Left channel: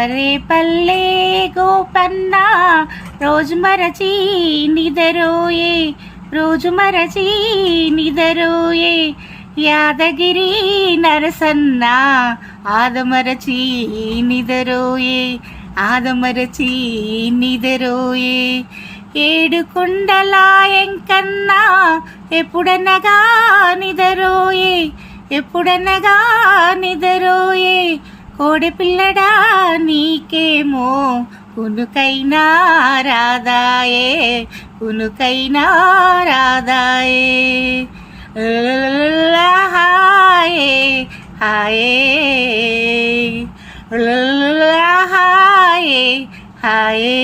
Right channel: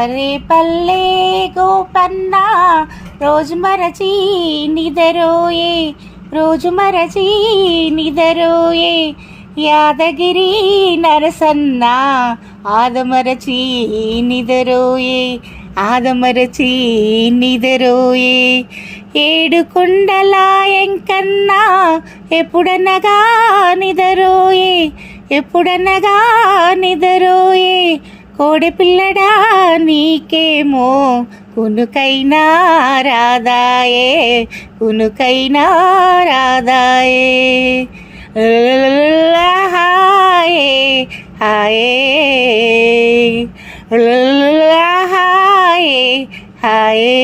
అరే పల్లె గోపన్న రోజు మరచి నిదరోయే, రోజు మరచి నిదరోయే. యాదగిరి నరసన్న ఆదమరచి నిదరోయే, ఆదమరచి నిదరోయే. ఏడు కొండల ఎంకన్నా ఎప్పుడనగా నిదరోయే, ఎప్పుడనగా నిదరోయే. కోడి పిల్లడా నీకేమో కునుకైనా రాదాయే, కునుకైనా రాదాయే. హాయే హాయే హాయే హాయే.